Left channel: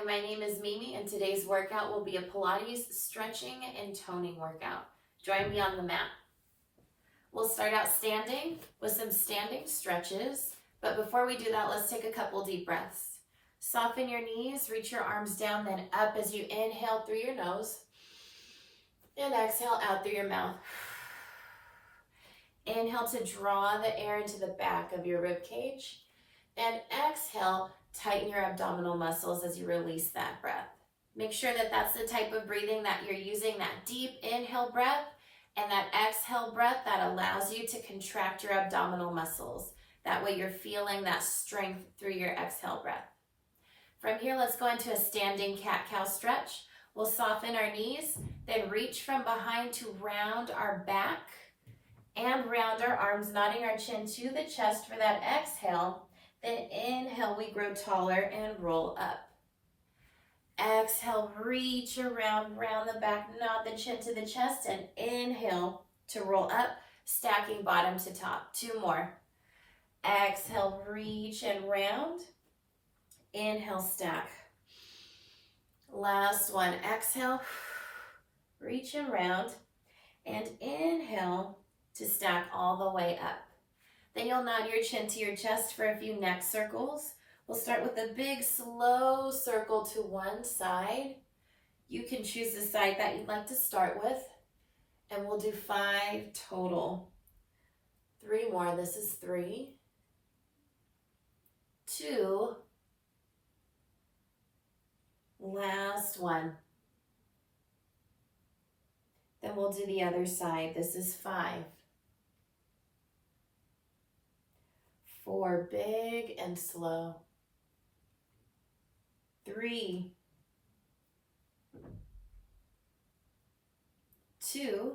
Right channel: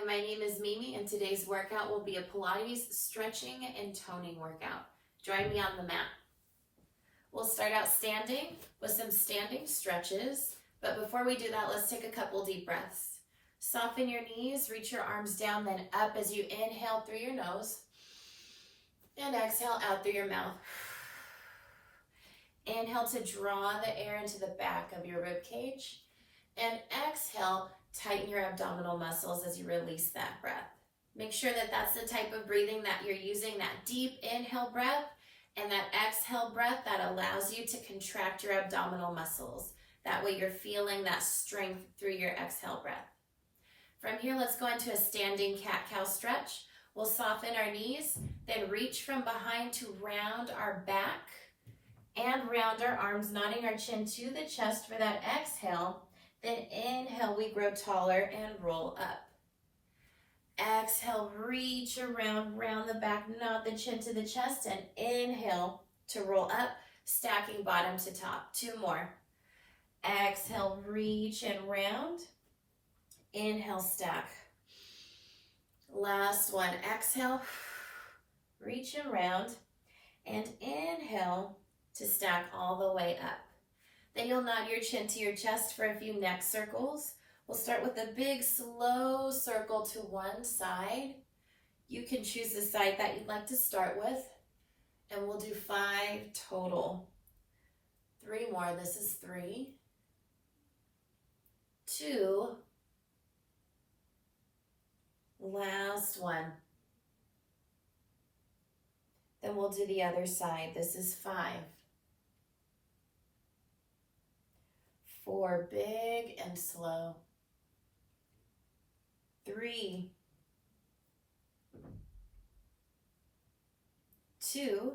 Hi, my name is Mimi, and today's workout will be a Pilates stretching and toning workout. Join me on the mat. We'll start out standing with some standing stretches, but before we do that, let's take a couple deep breaths. Soften your knees, reach your arms down, then up as you inhale through your nose, and exhale out through your mouth. Inhale to draw the air into the back of your rib cage, and exhale, tighten your abdominal muscles as you release that breath. Make sure that that's the type of breathing that you're using, that deep inhale breath and that exhale breath that allows you to contract your abdominal muscles. That way you're feeling that strength through your exhale breath. From here, let's go into a standing cat-cow stretch. We'll soften our knees, then reach from behind to round our back and round our arms, nodding our chin to the chest for that exhale. Then inhale, we grow taller and roll up. Exhale, reach around, round the back, nod the chin to the chest, and inhale to roll up, stacking bottom to top. Two more. Exhale, reach and round. Inhale, stack. Last one. Exhale, reach and round, and inhale to stack all the way up. Then you'll nod your chin to your chest for a few neck circles. We'll start with a big, slow circle to one side. You can choose the side that you'd like to start with. And we'll do 5 total. 3 more. This is 3, 2, last one. Then we'll do the other side. This is 5. 4, big and slow. 3, 2,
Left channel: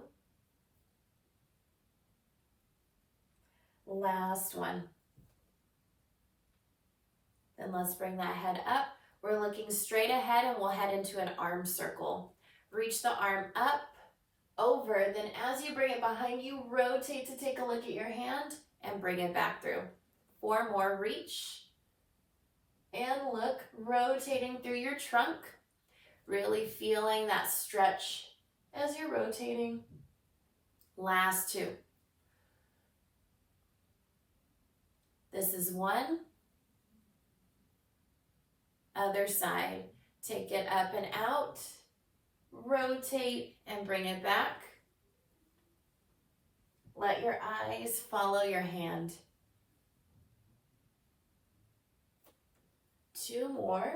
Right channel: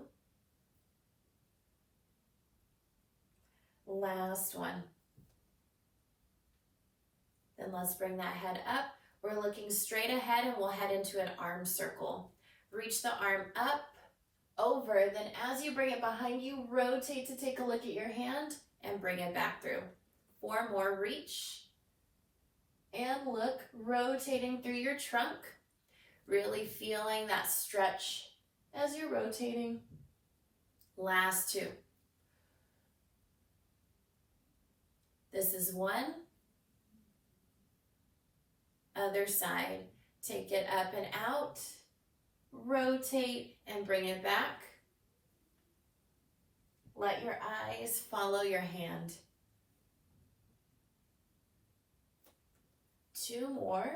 last one. Then let's bring that head up. We're looking straight ahead and we'll head into an arm circle. Reach the arm up, over, then as you bring it behind you, rotate to take a look at your hand and bring it back through. 4 more, reach and look, rotating through your trunk, really feeling that stretch as you're rotating. Last 2. This is 1. Other side, take it up and out, rotate and bring it back. Let your eyes follow your hand. 2 more.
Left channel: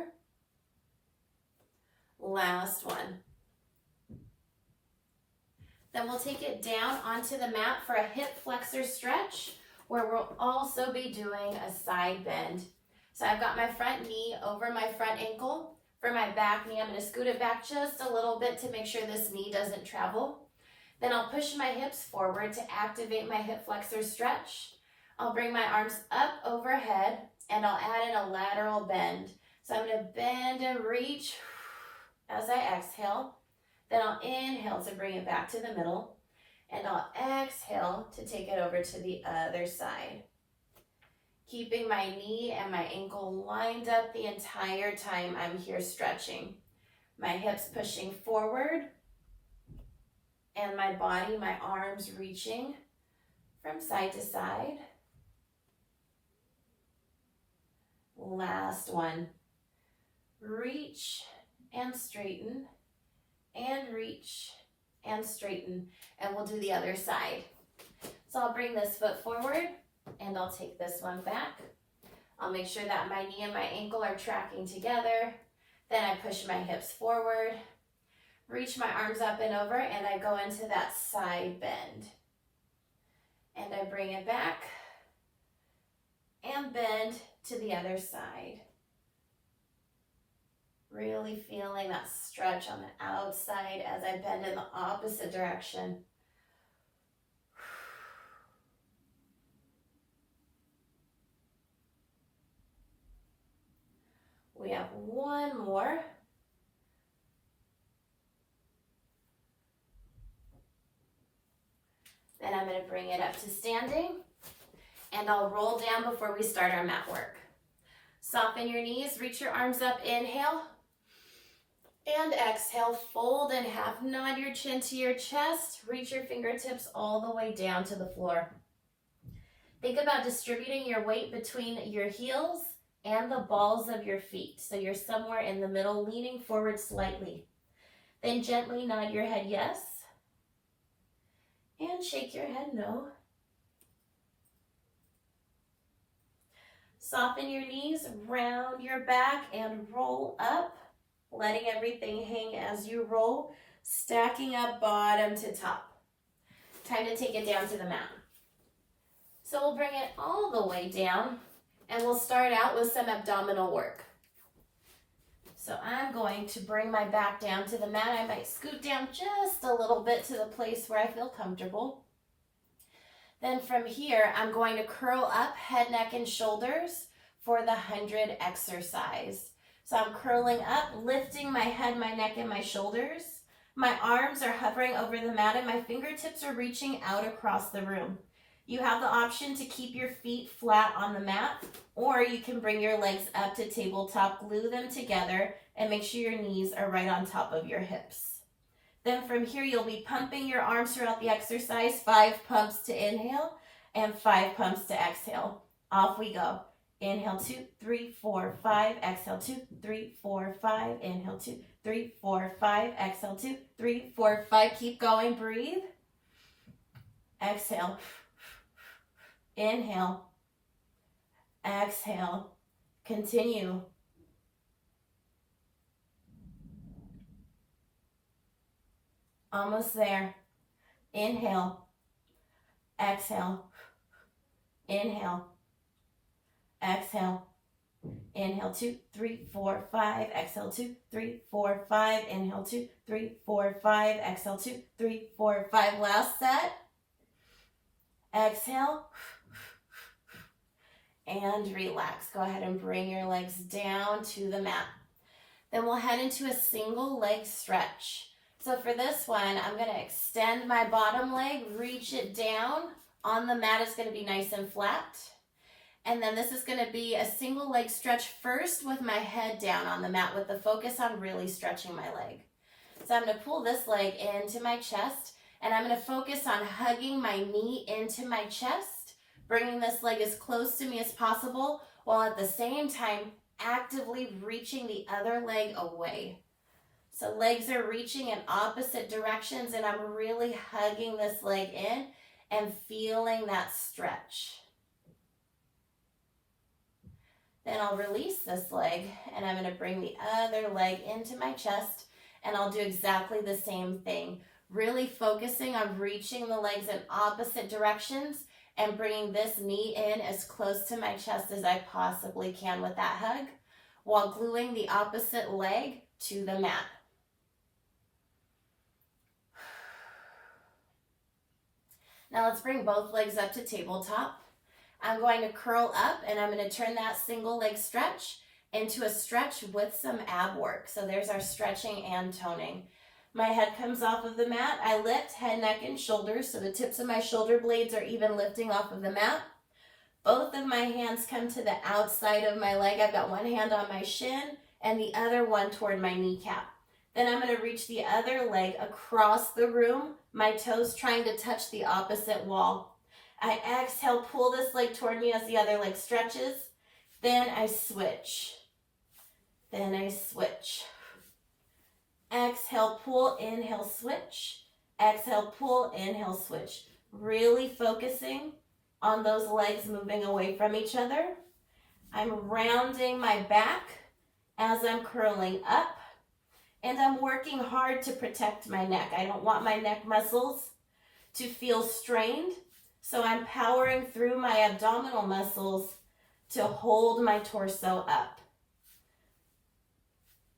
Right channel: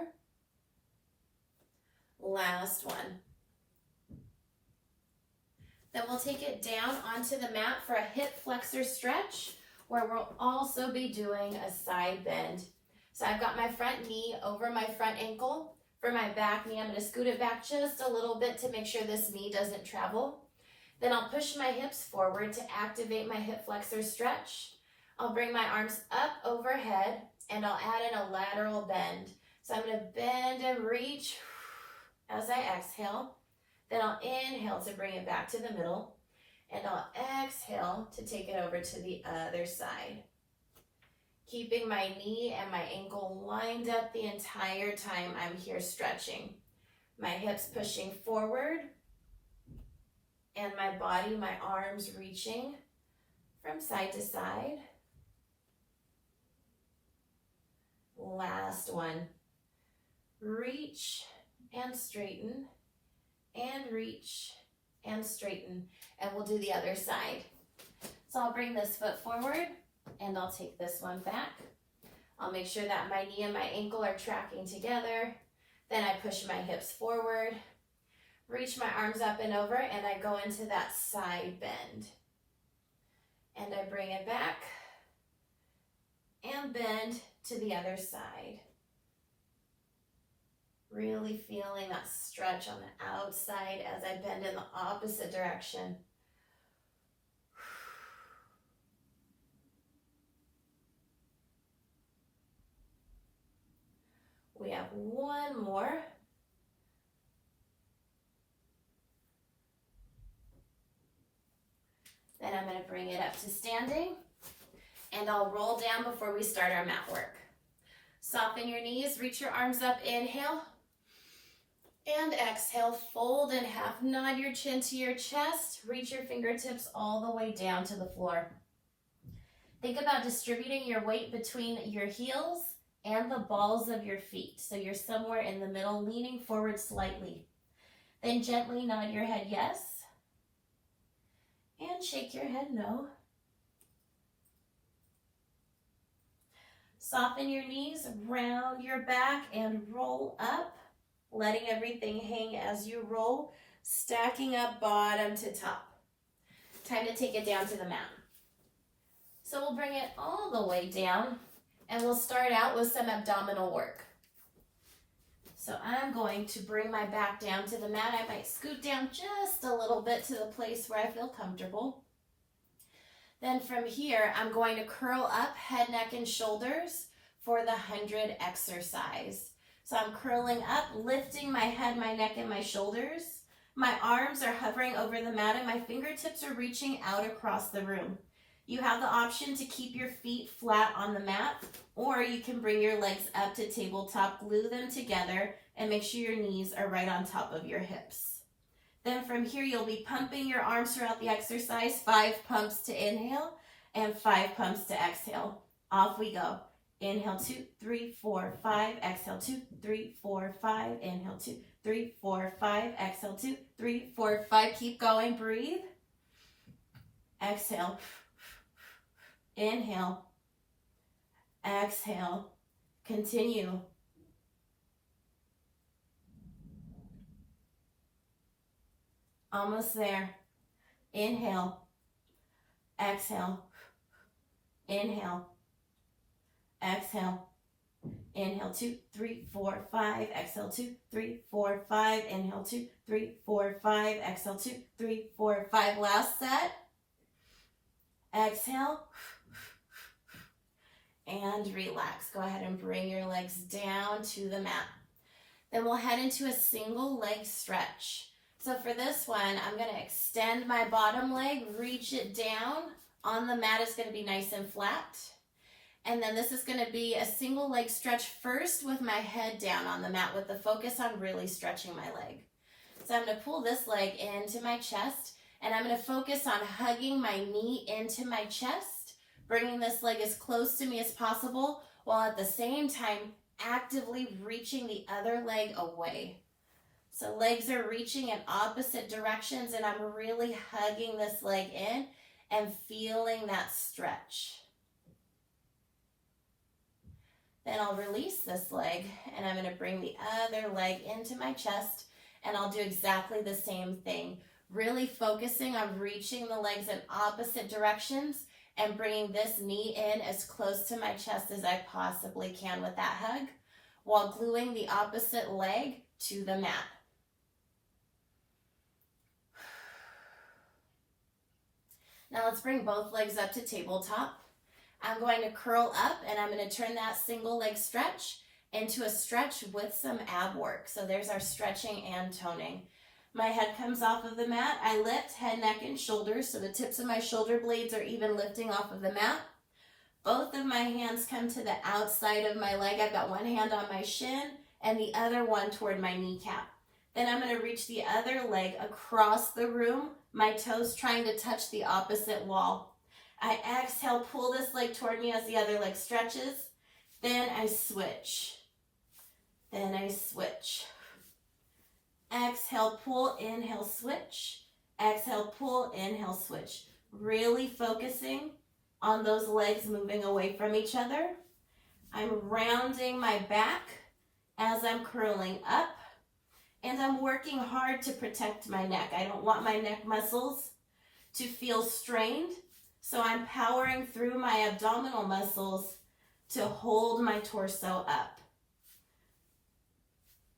Last one. Then we'll take it down onto the mat for a hip flexor stretch where we'll also be doing a side bend. So I've got my front knee over my front ankle. For my back knee, I'm going to scoot it back just a little bit to make sure this knee doesn't travel. Then I'll push my hips forward to activate my hip flexor stretch. I'll bring my arms up overhead and I'll add in a lateral bend. So I'm going to bend and reach as I exhale. Then I'll inhale to bring it back to the middle. And I'll exhale to take it over to the other side. Keeping my knee and my ankle lined up the entire time I'm here stretching. My hips pushing forward and my body, my arms reaching from side to side. Last one. Reach and straighten and reach and straighten. And we'll do the other side. So I'll bring this foot forward and I'll take this one back. I'll make sure that my knee and my ankle are tracking together. Then I push my hips forward, reach my arms up and over, and I go into that side bend. And I bring it back and bend to the other side. Really feeling that stretch on the outside as I bend in the opposite direction. We have 1 more. Then I'm going to bring it up to standing and I'll roll down before we start our mat work. Soften your knees, reach your arms up, inhale. And exhale, fold in half, nod your chin to your chest, reach your fingertips all the way down to the floor. Think about distributing your weight between your heels and the balls of your feet. So you're somewhere in the middle, leaning forward slightly. Then gently nod your head yes, and shake your head no. Soften your knees, round your back, and roll up, letting everything hang as you roll, stacking up bottom to top. Time to take it down to the mat. So we'll bring it all the way down, and we'll start out with some abdominal work. So I'm going to bring my back down to the mat. I might scoot down just a little bit to the place where I feel comfortable. Then from here, I'm going to curl up head, neck, and shoulders for the 100 exercise. So I'm curling up, lifting my head, my neck, and my shoulders. My arms are hovering over the mat, and my fingertips are reaching out across the room. You have the option to keep your feet flat on the mat, or you can bring your legs up to tabletop, glue them together, and make sure your knees are right on top of your hips. Then from here, you'll be pumping your arms throughout the exercise, 5 pumps to inhale and 5 pumps to exhale. Off we go. Inhale 2, 3, 4, 5. Exhale 2, 3, 4, 5. Inhale 2, 3, 4, 5. Exhale 2, 3, 4, 5. Keep going. Breathe. Exhale. Inhale. Exhale. Continue. Almost there. Inhale. Exhale. Inhale. Exhale. Inhale 2, 3, 4, 5. Exhale 2, 3, 4, 5. Inhale 2, 3, 4, 5. Exhale 2, 3, 4, 5. Last set. Exhale. And relax. Go ahead and bring your legs down to the mat. Then we'll head into a single leg stretch. So for this one, I'm going to extend my bottom leg, reach it down. On the mat, it's going to be nice and flat. And then this is going to be a single leg stretch first with my head down on the mat with the focus on really stretching my leg. So I'm going to pull this leg into my chest, and I'm going to focus on hugging my knee into my chest, bringing this leg as close to me as possible, while at the same time actively reaching the other leg away. So legs are reaching in opposite directions, and I'm really hugging this leg in and feeling that stretch. Then I'll release this leg, and I'm going to bring the other leg into my chest, and I'll do exactly the same thing, really focusing on reaching the legs in opposite directions and bringing this knee in as close to my chest as I possibly can with that hug, while gluing the opposite leg to the mat. Now let's bring both legs up to tabletop. I'm going to curl up, and I'm going to turn that single leg stretch into a stretch with some ab work. So there's our stretching and toning. My head comes off of the mat. I lift head, neck, and shoulders, so the tips of my shoulder blades are even lifting off of the mat. Both of my hands come to the outside of my leg. I've got one hand on my shin and the other one toward my kneecap. Then I'm going to reach the other leg across the room, my toes trying to touch the opposite wall. I exhale, pull this leg toward me as the other leg stretches. Then I switch. Then I switch. Exhale, pull, inhale, switch. Exhale, pull, inhale, switch. Really focusing on those legs moving away from each other. I'm rounding my back as I'm curling up, and I'm working hard to protect my neck. I don't want my neck muscles to feel strained, so I'm powering through my abdominal muscles to hold my torso up.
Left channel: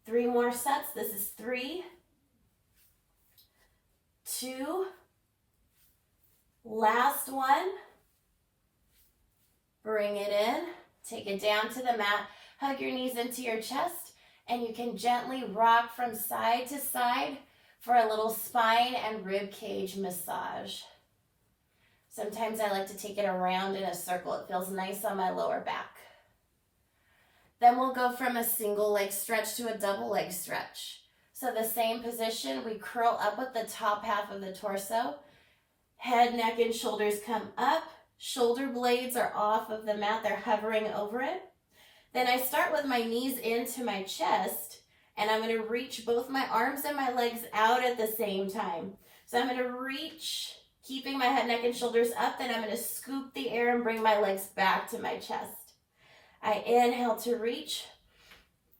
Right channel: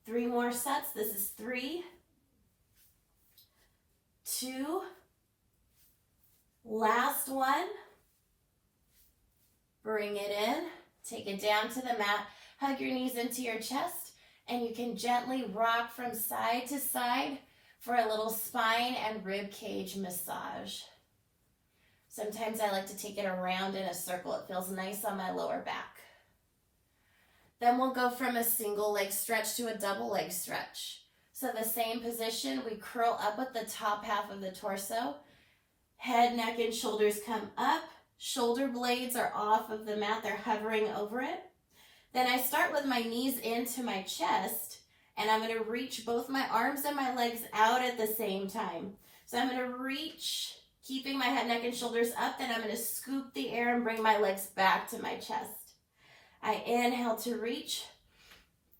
3 more sets. This is 3, 2, last one. Bring it in, take it down to the mat, hug your knees into your chest, and you can gently rock from side to side for a little spine and rib cage massage. Sometimes I like to take it around in a circle. It feels nice on my lower back. Then we'll go from a single leg stretch to a double leg stretch. So the same position, we curl up with the top half of the torso. Head, neck, and shoulders come up. Shoulder blades are off of the mat, they're hovering over it. Then I start with my knees into my chest, and I'm gonna reach both my arms and my legs out at the same time. So I'm gonna reach, keeping my head, neck, and shoulders up, then I'm gonna scoop the air and bring my legs back to my chest. I inhale to reach,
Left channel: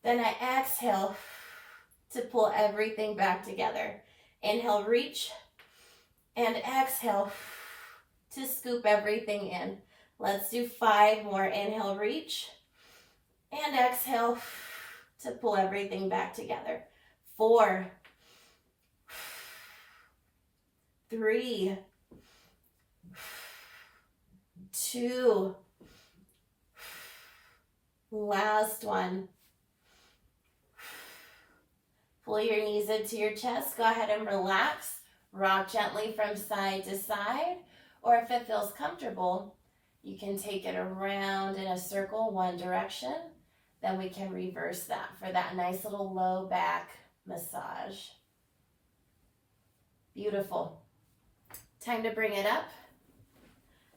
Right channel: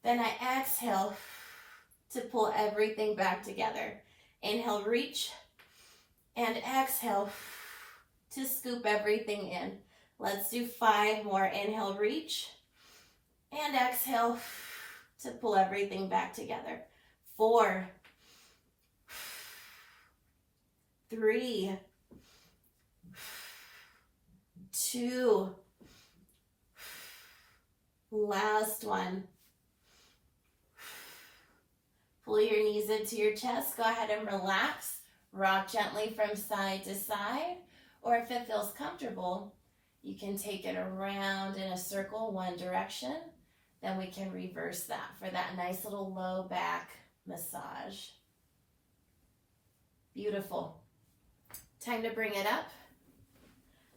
then I exhale to pull everything back together. Inhale, reach, and exhale to scoop everything in. Let's do 5 more. Inhale, reach, and exhale to pull everything back together. 4, 3, 2, last one. Pull your knees into your chest. Go ahead and relax. Rock gently from side to side, or if it feels comfortable, you can take it around in a circle one direction. Then we can reverse that for that nice little low back massage. Beautiful. Time to bring it up.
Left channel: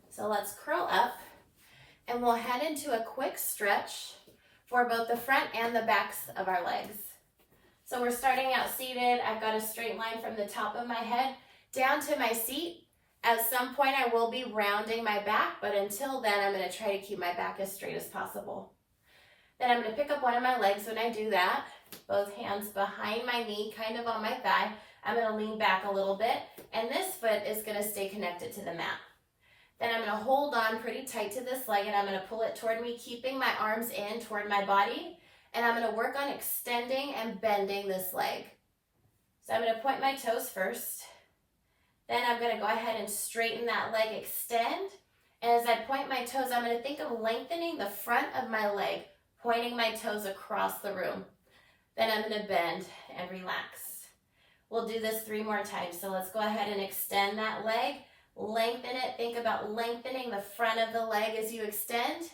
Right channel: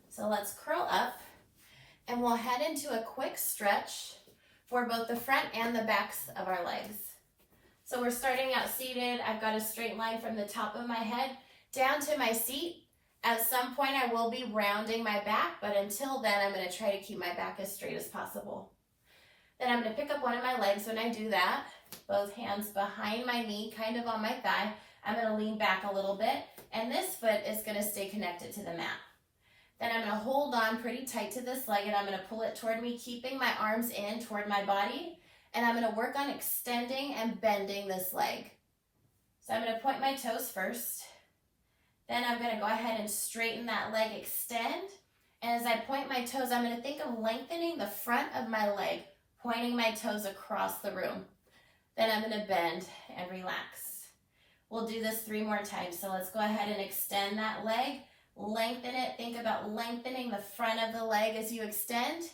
So let's curl up, and we'll head into a quick stretch for both the front and the backs of our legs. So we're starting out seated. I've got a straight line from the top of my head down to my seat. At some point I will be rounding my back, but until then I'm going to try to keep my back as straight as possible. Then I'm going to pick up one of my legs when I do that. Both hands behind my knee, kind of on my thigh. I'm going to lean back a little bit, and this foot is going to stay connected to the mat. Then I'm going to hold on pretty tight to this leg, and I'm going to pull it toward me, keeping my arms in toward my body. And I'm going to work on extending and bending this leg. So I'm going to point my toes first. Then I'm going to go ahead and straighten that leg, extend. And as I point my toes, I'm going to think of lengthening the front of my leg, pointing my toes across the room. Then I'm going to bend and relax. We'll do this 3 more times. So let's go ahead and extend that leg, lengthen it. Think about lengthening the front of the leg as you extend,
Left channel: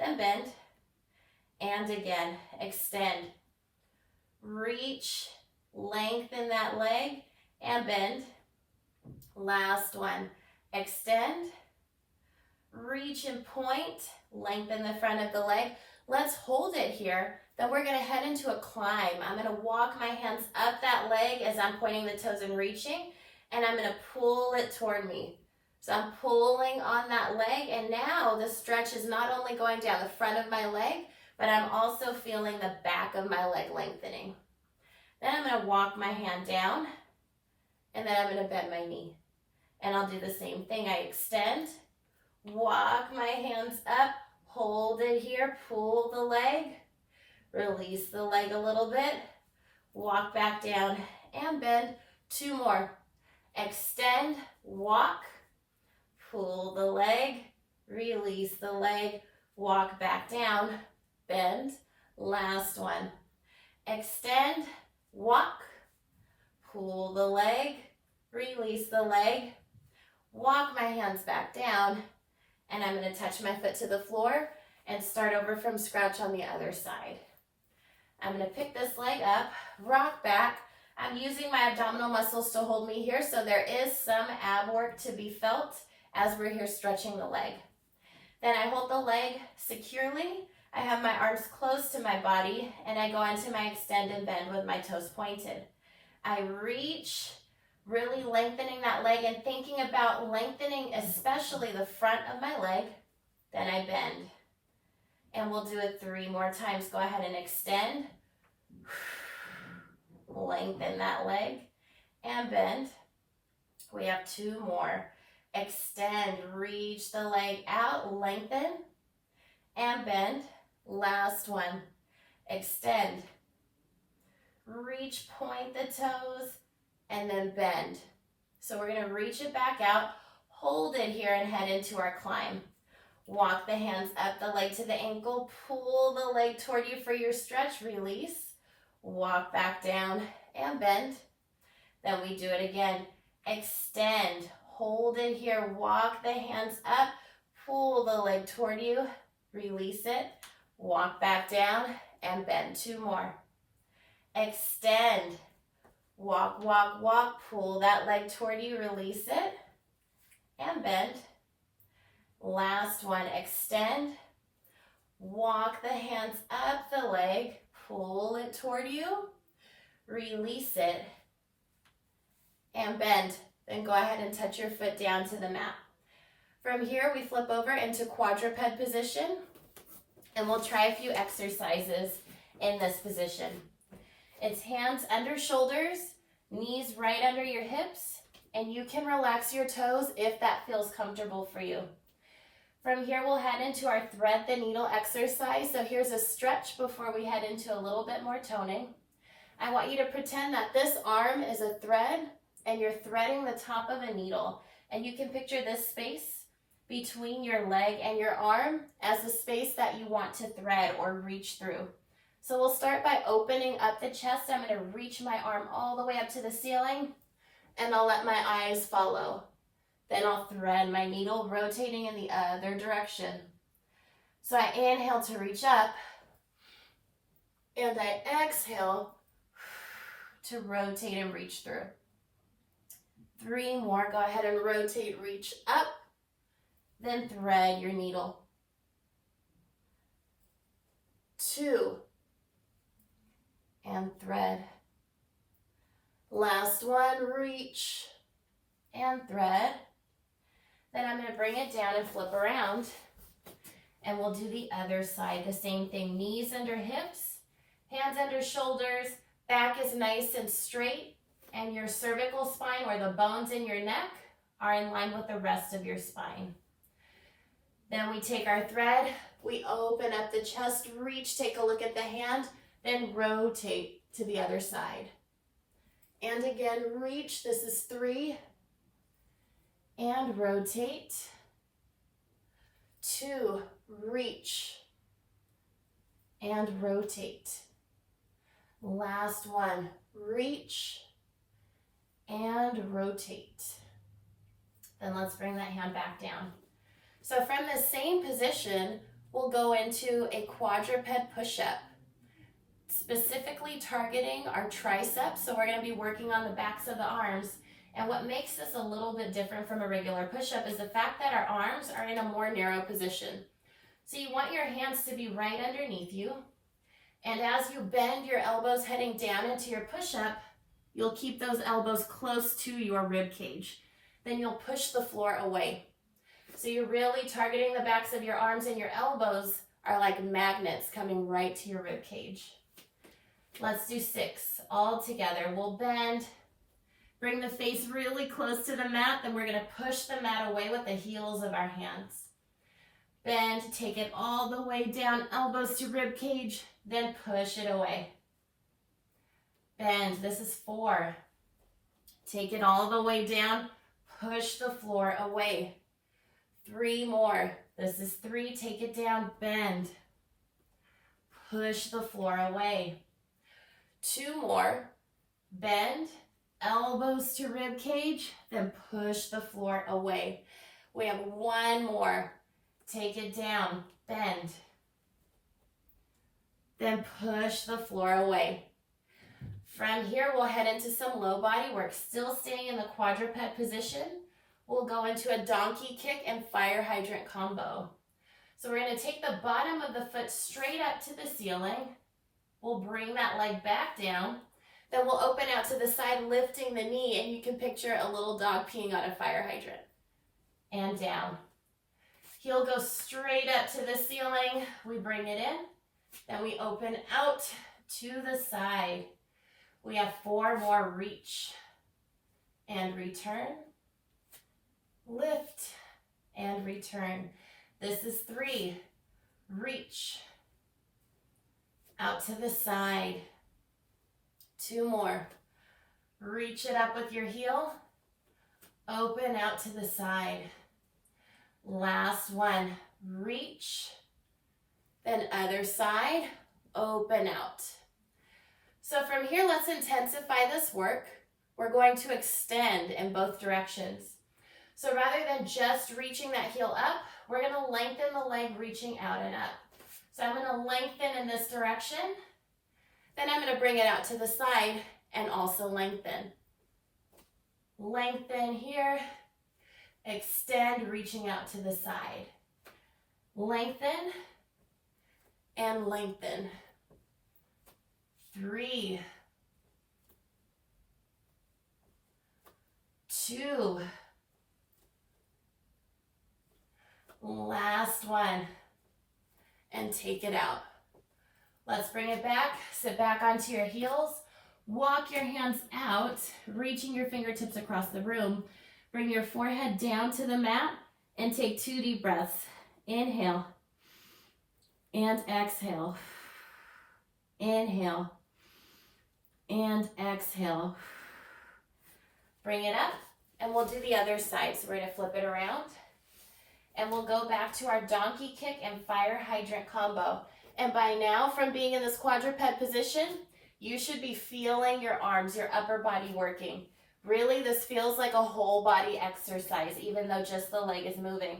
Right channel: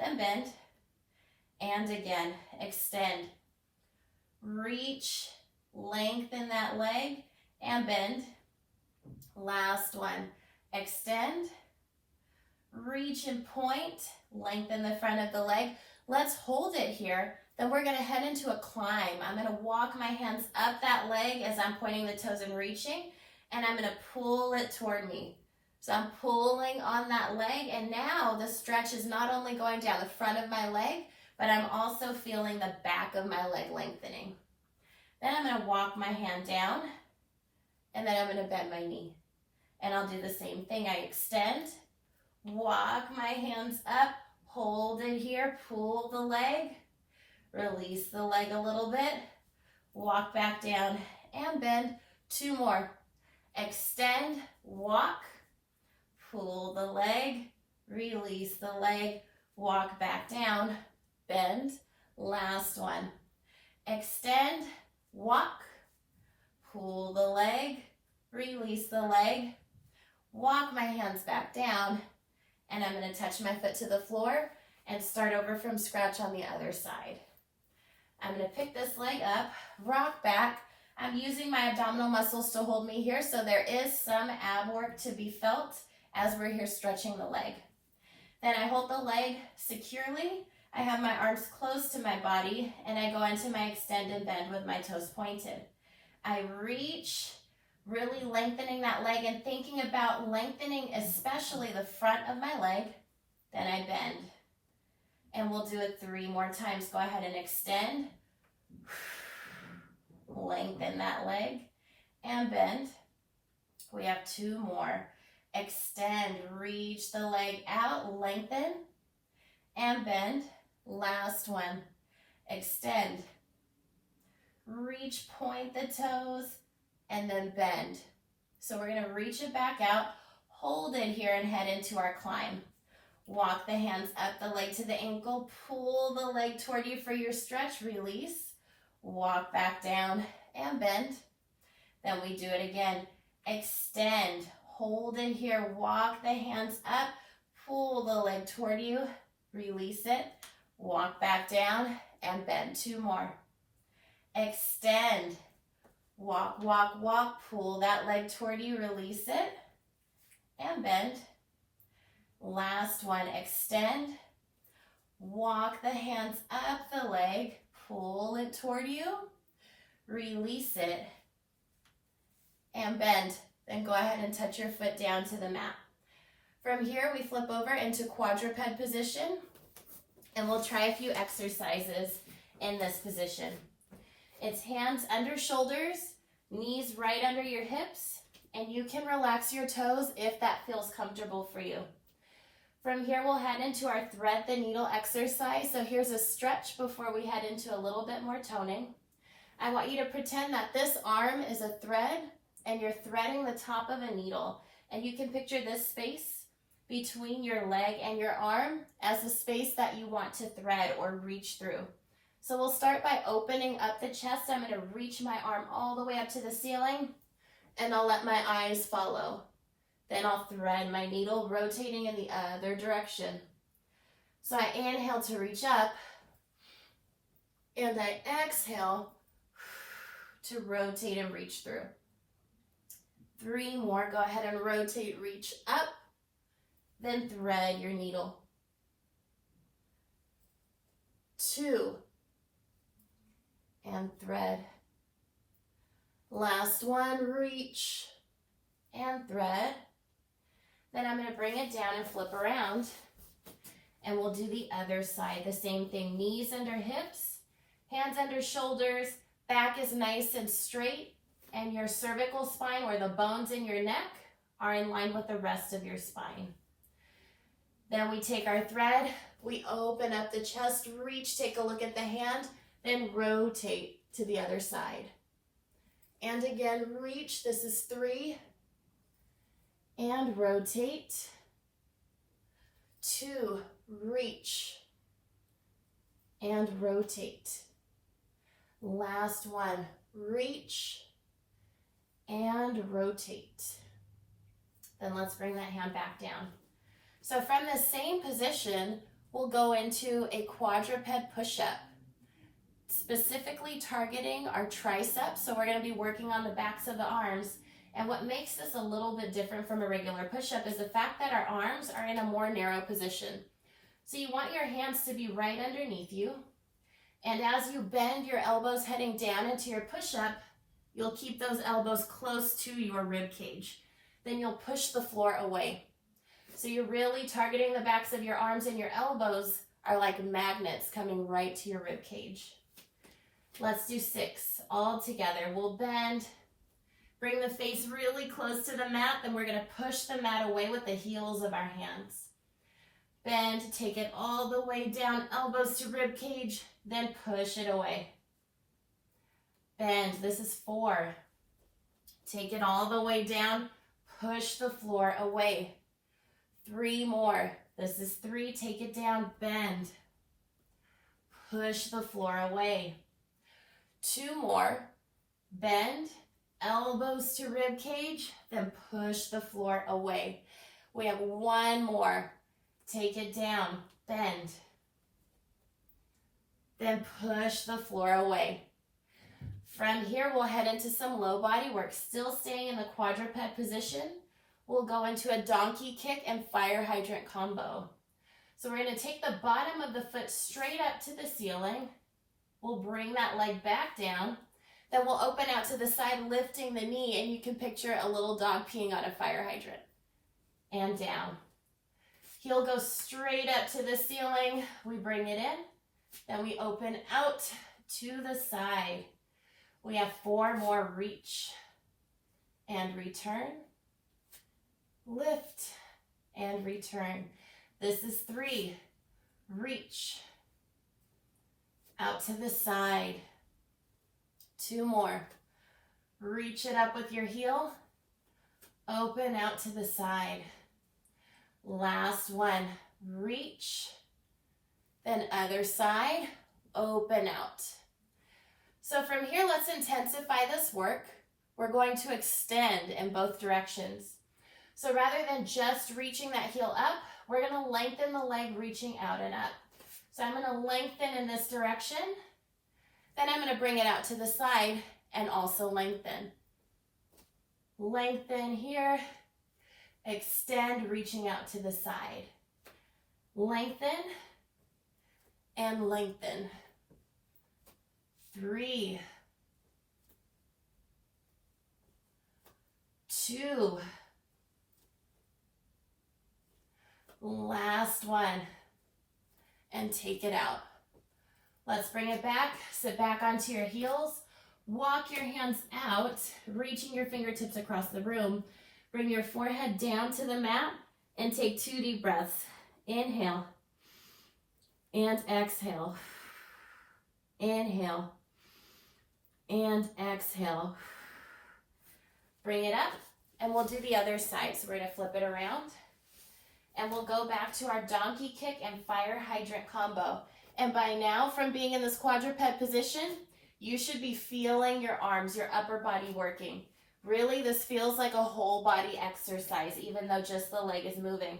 then bend. And again, extend, reach, lengthen that leg, and bend. Last one, extend, reach and point, lengthen the front of the leg. Let's hold it here. Then we're gonna head into a climb. I'm gonna walk my hands up that leg as I'm pointing the toes and reaching, and I'm gonna pull it toward me. So I'm pulling on that leg, and now the stretch is not only going down the front of my leg, but I'm also feeling the back of my leg lengthening. Then I'm going to walk my hand down, and then I'm going to bend my knee. And I'll do the same thing. I extend, walk my hands up, hold it here, pull the leg, release the leg a little bit, walk back down and bend. 2 more. Extend, walk, pull the leg, release the leg, walk back down, bend. Last one. Extend, walk, pull the leg, release the leg, walk my hands back down, and I'm going to touch my foot to the floor and start over from scratch on the other side. I'm going to pick this leg up, rock back. I'm using my abdominal muscles to hold me here, so there is some ab work to be felt as we're here stretching the leg. Then I hold the leg securely. I have my arms close to my body, and I go into my extend and bend with my toes pointed. I reach, really lengthening that leg and thinking about lengthening especially the front of my leg. Then I bend. And we'll do it 3 more times. Go ahead and extend. Lengthen that leg and bend. We have 2 more. Extend, reach the leg out, lengthen and bend. Last one. Extend, reach, point the toes, and then bend. So we're going to reach it back out, hold it here, and head into our climb. Walk the hands up the leg to the ankle, pull the leg toward you for your stretch, release, walk back down and bend. Then we do it again. Extend, hold it here, walk the hands up, pull the leg toward you, release it, walk back down and bend. 2 more. Extend, Walk, walk, walk. Pull that leg toward you, release it, and bend. Last one, extend. Walk the hands up the leg, pull it toward you, release it, and bend. Then go ahead and touch your foot down to the mat. From here, we flip over into quadruped position, and we'll try a few exercises in this position. It's hands under shoulders, knees right under your hips, and you can relax your toes if that feels comfortable for you. From here, we'll head into our thread the needle exercise. So here's a stretch before we head into a little bit more toning. I want you to pretend that this arm is a thread and you're threading the top of a needle. And you can picture this space between your leg and your arm as the space that you want to thread or reach through. So we'll start by opening up the chest. I'm going to reach my arm all the way up to the ceiling, and I'll let my eyes follow. Then I'll thread my needle, rotating in the other direction. So I inhale to reach up, and I exhale to rotate and reach through. 3 more. Go ahead and rotate, reach up, then thread your needle. 2, and thread. Last one, reach and thread. Then I'm going to bring it down and flip around, and we'll do the other side. The same thing, knees under hips, hands under shoulders, back is nice and straight, and your cervical spine, or the bones in your neck, are in line with the rest of your spine. Then we take our thread, we open up the chest, reach, take a look at the hand, then rotate to the other side. And again, reach, this is 3, and rotate. 2, reach, and rotate. Last one, reach, and rotate. Then let's bring that hand back down. So from the same position, we'll go into a quadruped push-up, specifically targeting our triceps. So we're going to be working on the backs of the arms. And what makes this a little bit different from a regular push-up is the fact that our arms are in a more narrow position. So you want your hands to be right underneath you. And as you bend your elbows heading down into your push-up, you'll keep those elbows close to your rib cage. Then you'll push the floor away. So you're really targeting the backs of your arms, and your elbows are like magnets coming right to your rib cage. Let's do 6 all together. We'll bend, bring the face really close to the mat, then we're going to push the mat away with the heels of our hands. Bend, take it all the way down, elbows to rib cage, then push it away. Bend, this is 4. Take it all the way down, push the floor away. 3 more. This is 3, take it down, bend. Push the floor away. 2 more. Bend, elbows to rib cage, then push the floor away. We have 1 more. Take it down, bend. Then push the floor away. From here, we'll head into some low body work, still staying in the quadruped position. We'll go into a donkey kick and fire hydrant combo. So we're going to take the bottom of the foot straight up to the ceiling. We'll bring that leg back down. Then we'll open out to the side, lifting the knee, and you can picture a little dog peeing on a fire hydrant. And down. Heel goes straight up to the ceiling. We bring it in. Then we open out to the side. We have 4 more. Reach and return. Lift and return. This is 3. Reach out to the side. 2 more. Reach it up with your heel. Open out to the side. Last one. Reach. Then other side. Open out. So from here, let's intensify this work. We're going to extend in both directions. So rather than just reaching that heel up, we're going to lengthen the leg reaching out and up. So I'm going to lengthen in this direction. Then I'm going to bring it out to the side and also lengthen. Lengthen here, extend, reaching out to the side. Lengthen and lengthen. 3, 2, last one, and take it out. Let's bring it back. Sit back onto your heels. Walk your hands out, reaching your fingertips across the room. Bring your forehead down to the mat and take 2 deep breaths. Inhale and exhale. Inhale and exhale. Bring it up, and we'll do the other side. So we're going to flip it around, and we'll go back to our donkey kick and fire hydrant combo. And by now, from being in this quadruped position, you should be feeling your arms, your upper body working. Really, this feels like a whole body exercise, even though just the leg is moving.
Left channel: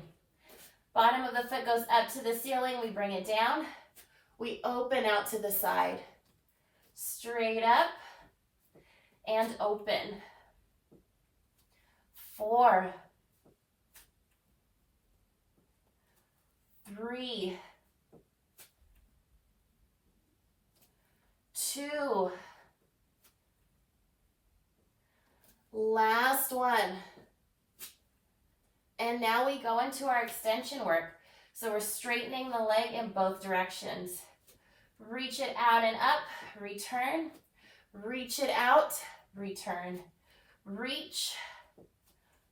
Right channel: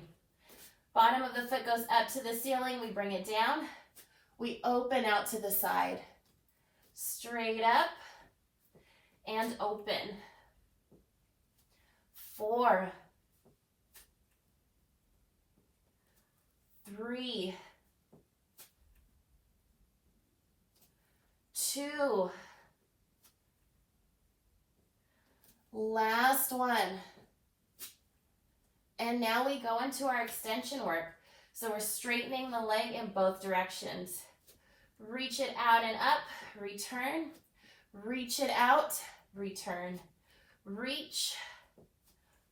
Bottom of the foot goes up to the ceiling. We bring it down. We open out to the side. Straight up and open. 4, 3, 2, last one. And now we go into our extension work. So we're straightening the leg in both directions. Reach it out and up, return. Reach it out, return. Reach,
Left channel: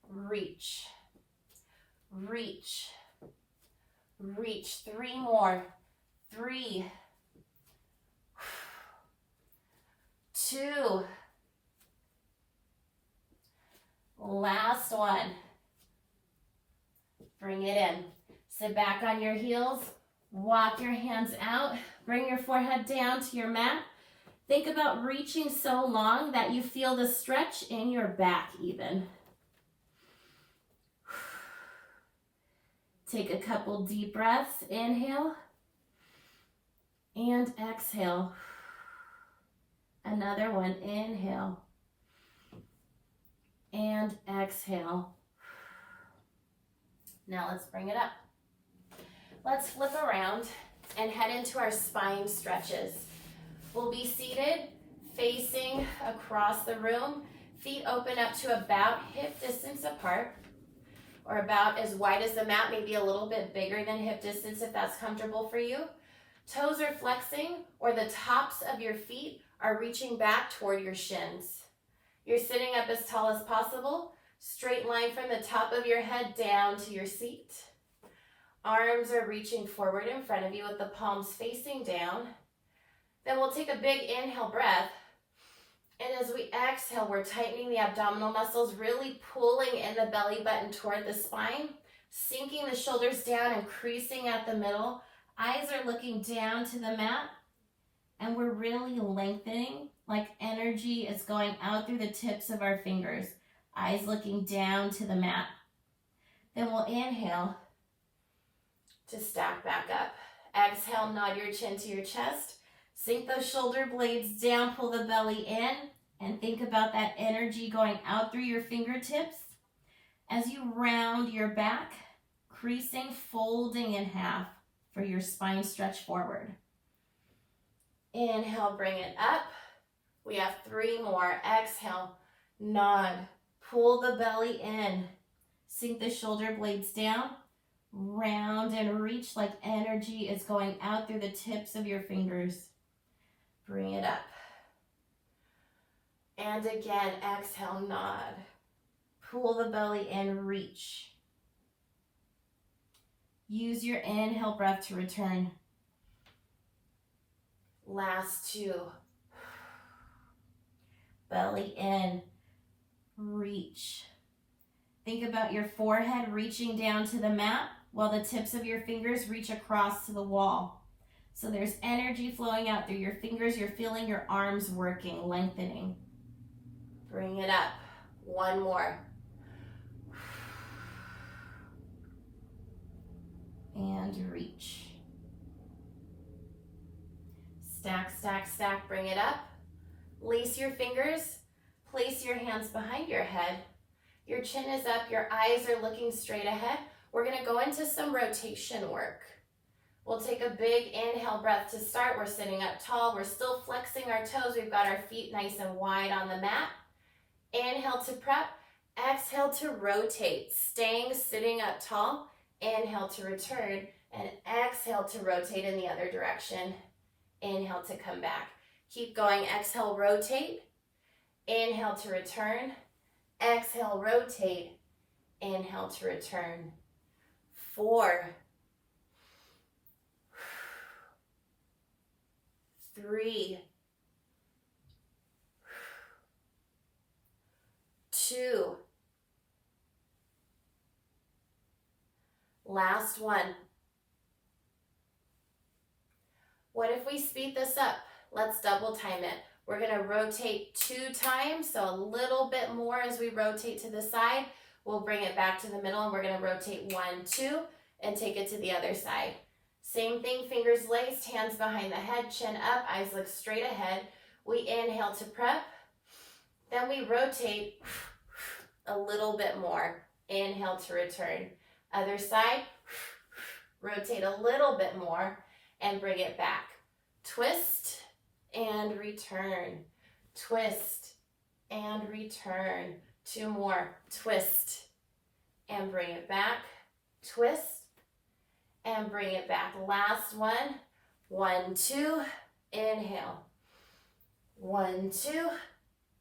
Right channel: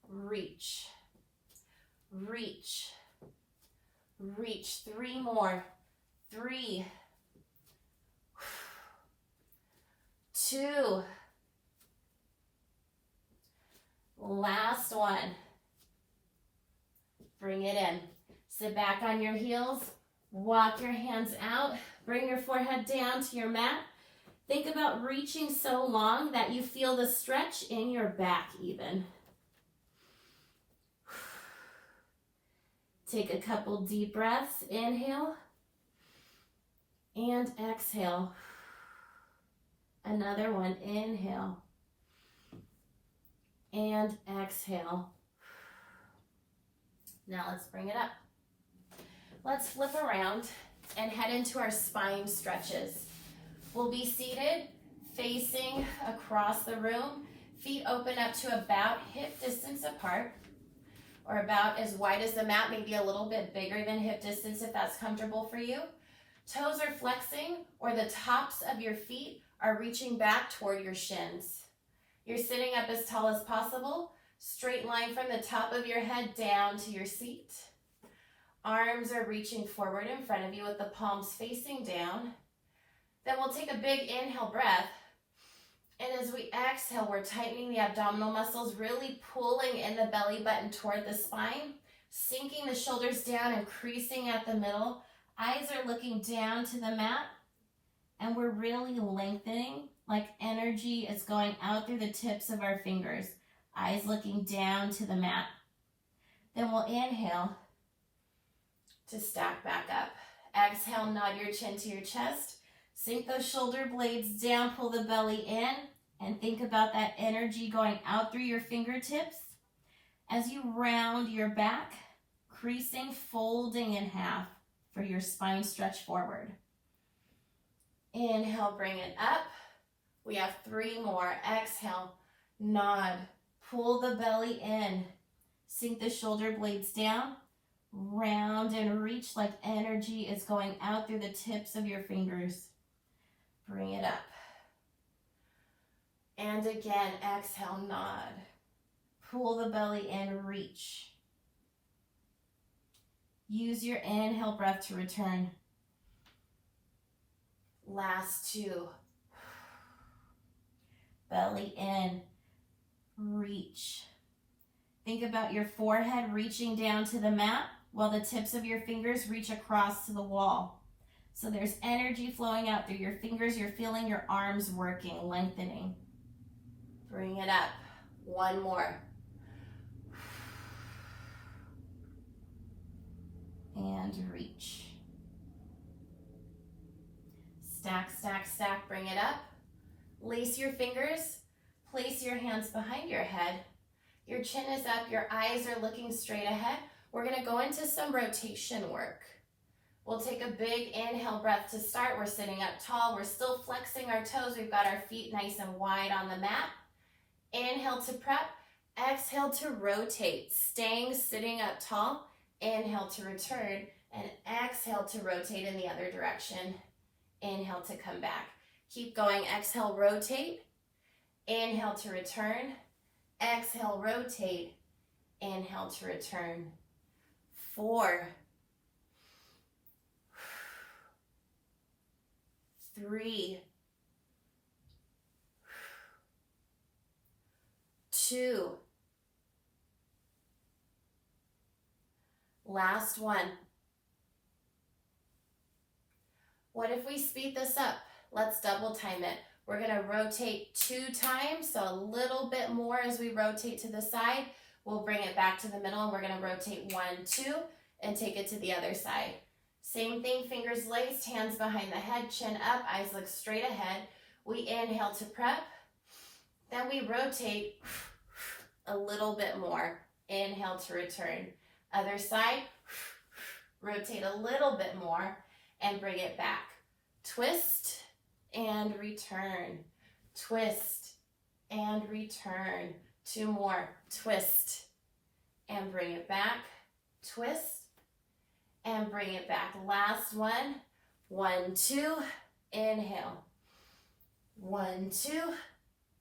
reach, reach, reach. 3 more. 3, 2, last one. Bring it in. Sit back on your heels. Walk your hands out. Bring your forehead down to your mat. Think about reaching so long that you feel the stretch in your back even. Take a couple deep breaths. Inhale and exhale. Another one. Inhale and exhale. Now let's bring it up. Let's flip around and head into our spine stretches. We'll be seated, facing across the room, feet open up to about hip distance apart, or about as wide as the mat, maybe a little bit bigger than hip distance if that's comfortable for you. Toes are flexing, or the tops of your feet are reaching back toward your shins. You're sitting up as tall as possible, straight line from the top of your head down to your seat. Arms are reaching forward in front of you with the palms facing down. Then we'll take a big inhale breath. And as we exhale, we're tightening the abdominal muscles, really pulling in the belly button toward the spine, sinking the shoulders down and creasing at the middle. Eyes are looking down to the mat, and we're really lengthening, like energy is going out through the tips of our fingers. Eyes looking down to the mat. Then we'll inhale to stack back up. Exhale, nod your chin to your chest. Sink those shoulder blades down, pull the belly in, and think about that energy going out through your fingertips as you round your back, creasing, folding in half for your spine stretch forward. Inhale, bring it up. We have 3 more. Exhale, nod, pull the belly in, sink the shoulder blades down, round and reach like energy is going out through the tips of your fingers. Bring it up. And again, exhale, nod. Pull the belly in, reach. Use your inhale breath to return. Last 2. Belly in, reach. Think about your forehead reaching down to the mat while the tips of your fingers reach across to the wall. So there's energy flowing out through your fingers. You're feeling your arms working, lengthening. Bring it up. 1 more. And reach. Stack, stack, stack. Bring it up. Lace your fingers, place your hands behind your head. Your chin is up, your eyes are looking straight ahead. We're gonna go into some rotation work. We'll take a big inhale breath to start. We're sitting up tall. We're still flexing our toes. We've got our feet nice and wide on the mat. Inhale to prep. Exhale to rotate. Staying sitting up tall. Inhale to return. And exhale to rotate in the other direction. Inhale to come back. Keep going. Exhale, rotate. Inhale to return. Exhale, rotate. Inhale to return. 4, 3, 2, last one. What if we speed this up? Let's double time it. We're gonna rotate 2 times, so a little bit more as we rotate to the side. We'll bring it back to the middle and we're gonna rotate 1, 2, and take it to the other side. Same thing, fingers laced, hands behind the head, chin up, eyes look straight ahead. We inhale to prep, then we rotate a little bit more. Inhale to return. Other side, rotate a little bit more and bring it back. Twist and return. Twist and return. 2 more. Twist and bring it back. Twist and bring it back. Last one. 1, 2, inhale. 1, 2,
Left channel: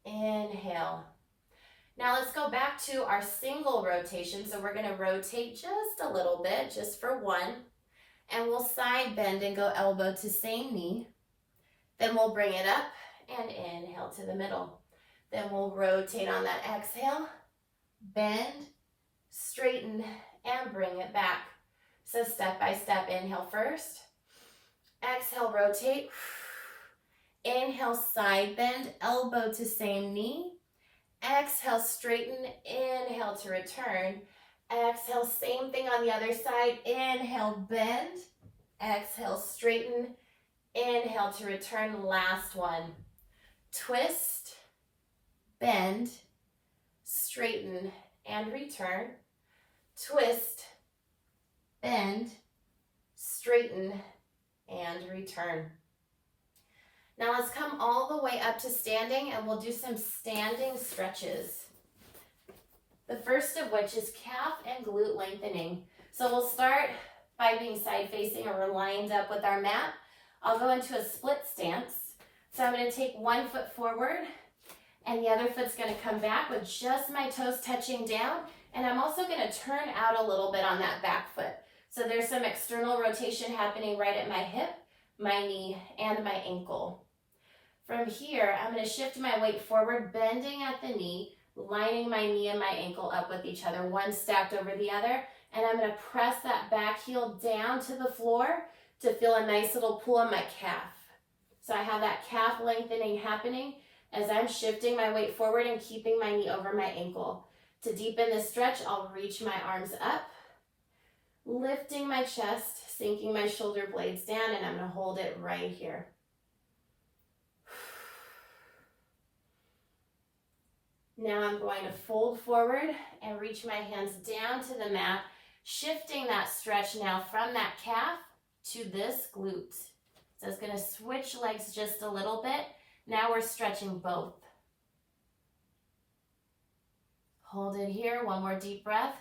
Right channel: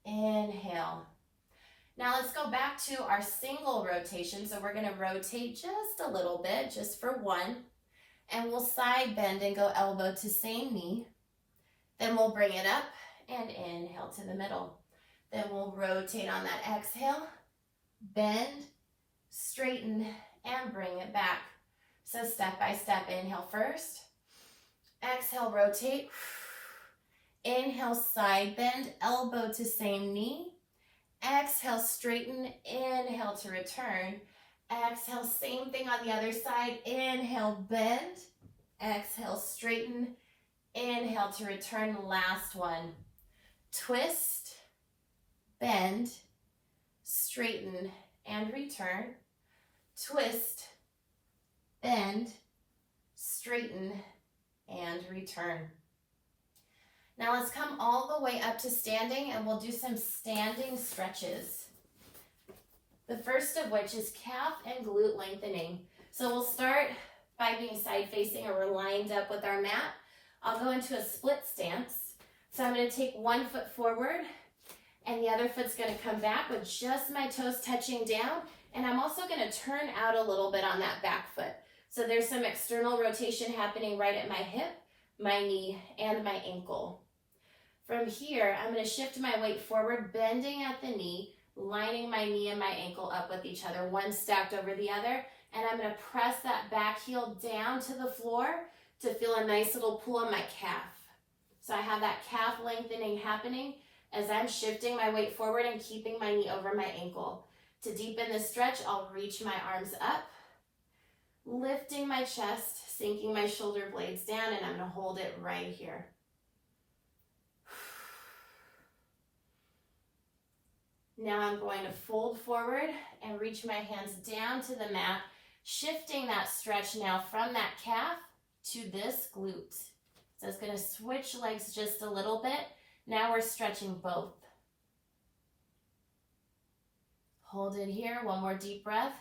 inhale. Now let's go back to our single rotation. So we're gonna rotate just a little bit, just for 1. And we'll side bend and go elbow to same knee. Then we'll bring it up and inhale to the middle. Then we'll rotate on that exhale, bend, straighten, and bring it back. So step by step, inhale first. Exhale, rotate. Inhale, side bend, elbow to same knee. Exhale, straighten, inhale to return. Exhale, same thing on the other side. Inhale, bend. Exhale, straighten. Inhale to return. Last one. Twist, bend, straighten, and return. Twist, bend, straighten, and return. Now let's come all the way up to standing and we'll do some standing stretches. The first of which is calf and glute lengthening. So we'll start by being side facing or we're lined up with our mat. I'll go into a split stance. So I'm going to take 1 foot forward and the other foot's going to come back with just my toes touching down. And I'm also going to turn out a little bit on that back foot. So there's some external rotation happening right at my hip, my knee, and my ankle. From here, I'm going to shift my weight forward, bending at the knee, lining my knee and my ankle up with each other, one stacked over the other. And I'm going to press that back heel down to the floor to feel a nice little pull on my calf. So I have that calf lengthening happening as I'm shifting my weight forward and keeping my knee over my ankle. To deepen this stretch, I'll reach my arms up, lifting my chest, sinking my shoulder blades down, and I'm going to hold it right here. Now I'm going to fold forward and reach my hands down to the mat, shifting that stretch now from that calf to this glute. So it's going to switch legs just a little bit. Now we're stretching both. Hold it here, 1 more deep breath.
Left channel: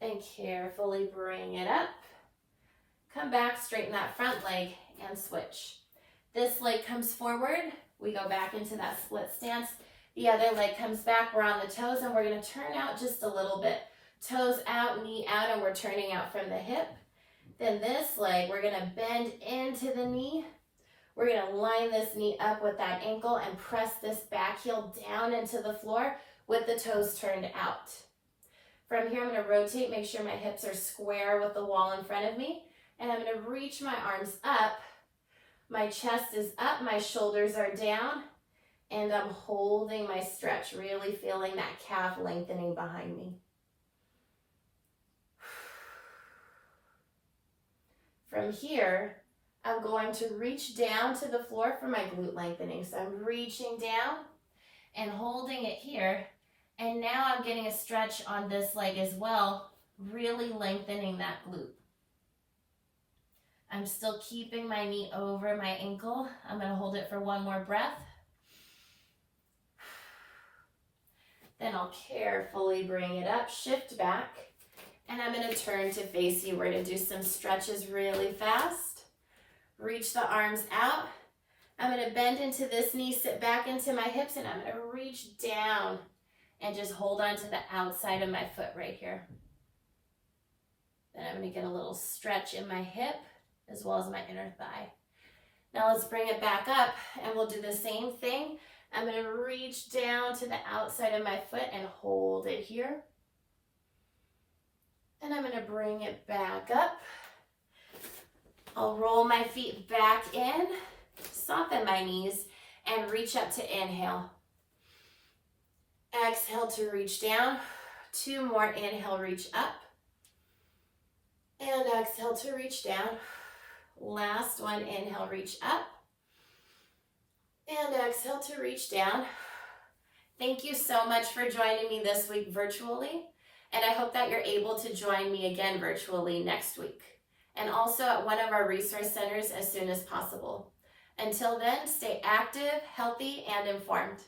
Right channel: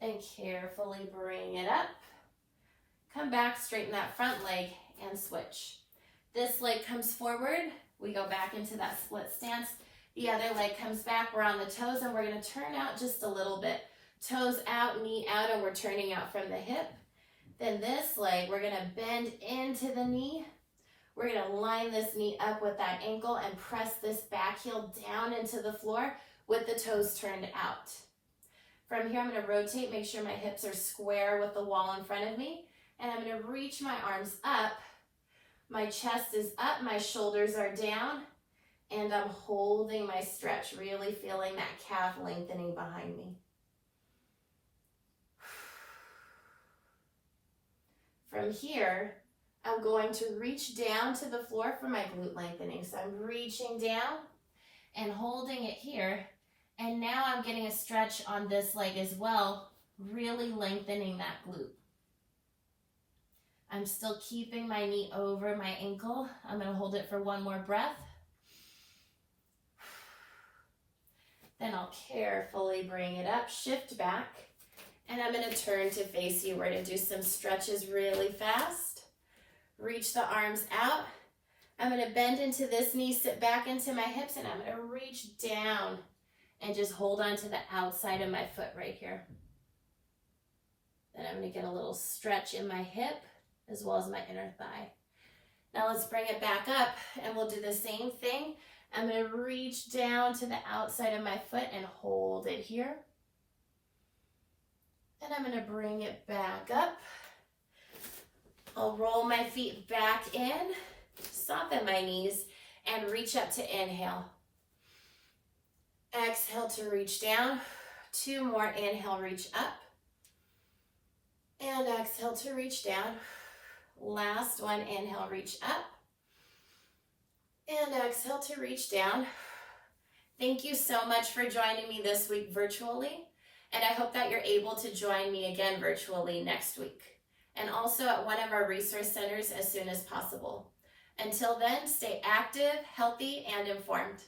Then carefully bring it up. Come back, straighten that front leg and switch. This leg comes forward. We go back into that split stance. The other leg comes back. We're on the toes and we're going to turn out just a little bit. Toes out, knee out, and we're turning out from the hip. Then this leg, we're going to bend into the knee. We're going to line this knee up with that ankle and press this back heel down into the floor with the toes turned out. From here, I'm going to rotate, make sure my hips are square with the wall in front of me. And I'm going to reach my arms up. My chest is up, my shoulders are down, and I'm holding my stretch, really feeling that calf lengthening behind me. From here, I'm going to reach down to the floor for my glute lengthening. So I'm reaching down and holding it here. And now I'm getting a stretch on this leg as well, really lengthening that glute. I'm still keeping my knee over my ankle. I'm going to hold it for one more breath. Then I'll carefully bring it up, shift back, and I'm going to turn to face you. We're going to do some stretches really fast. Reach the arms out. I'm going to bend into this knee, sit back into my hips, and I'm going to reach down and just hold on to the outside of my foot right here. Then I'm going to get a little stretch in my hip as well as my inner thigh. Now let's bring it back up and we'll do the same thing. I'm going to reach down to the outside of my foot and hold it here. And I'm going to bring it back up. I'll roll my feet back in, soften my knees, and reach up to inhale. Exhale to reach down. 2 more, inhale, reach up. And exhale to reach down. Last one, inhale, reach up. And exhale to reach down. Thank you so much for joining me this week virtually. And I hope that you're able to join me again virtually next week. And also at one of our resource centers as soon as possible. Until then, stay active, healthy, and informed.